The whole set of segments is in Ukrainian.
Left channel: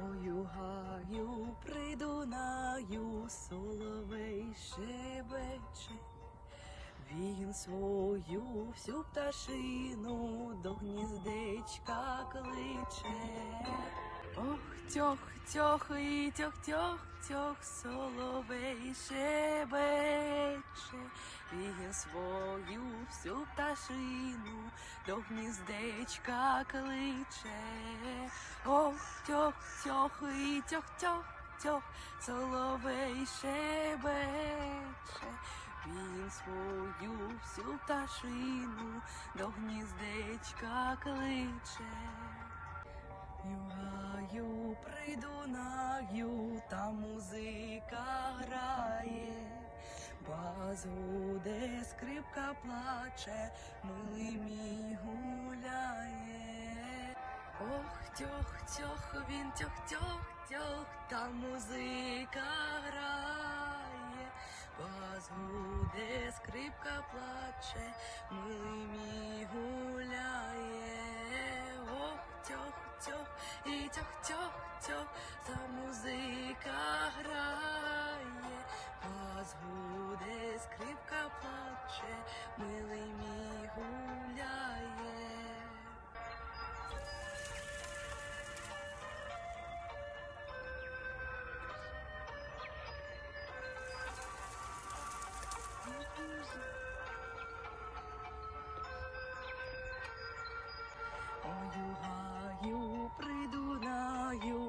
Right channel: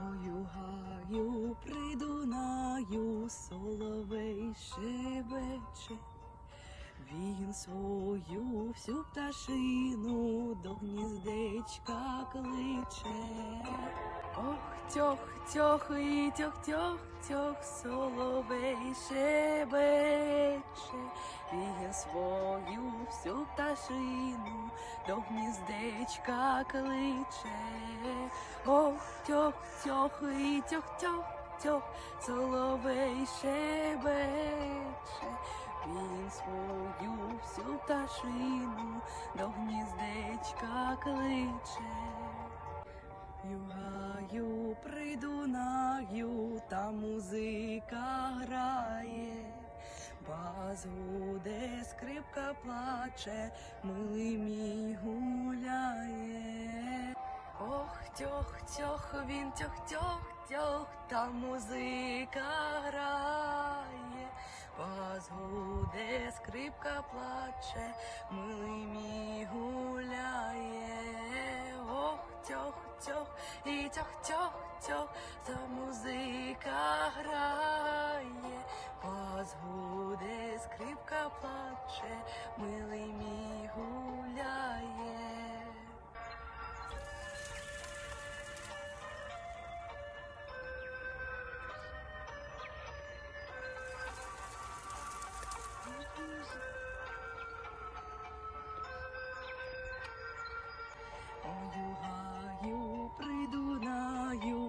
гаю, придунаю, соловей шебече. Він свою всю пташину до гніздечка кличе. Ох, тьох, тьох, і тьох, тьох, тьох, соловей шебече. Він свою всю пташину до гніздечка кличе. Ох, тьох, тьох, і тьох, тьох, тьох, соловей шебече. Він свою всю пташину до гніздечка кличе. Югаю, придунаю, та музика грає, баз гуде, скрипка плаче, милий мій гуляє. Ох, тьох, тьох, він тьох, тьох, тьох, та музика грає, вас гуде, скрипка плаче, милий мій гуляє. Ох, тьох, тьох, і тьох, тьох, тьох, та музика грає,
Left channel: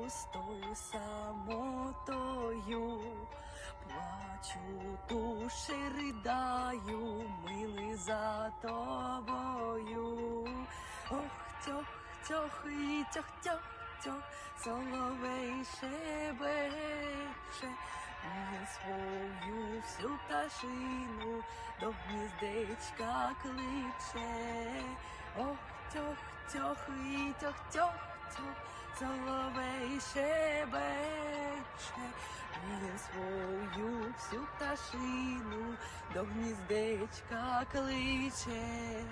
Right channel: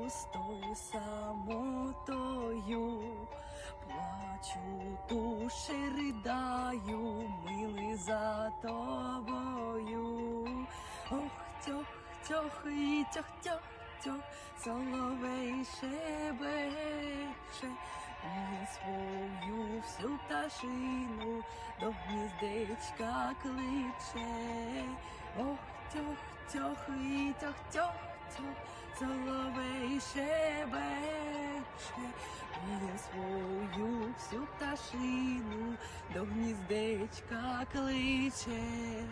придунаю, з тою самотою, плачу, душі ридаю, милий за тобою. Ох, тьох, тьох, і тьох, тьох, тьох, соловей шебече, він свою всю пташину до гніздечка кличе. Ох, тьох, тьох, і тьох, тьох, соловей шебече, він свою всю пташину до гніздечка кличе.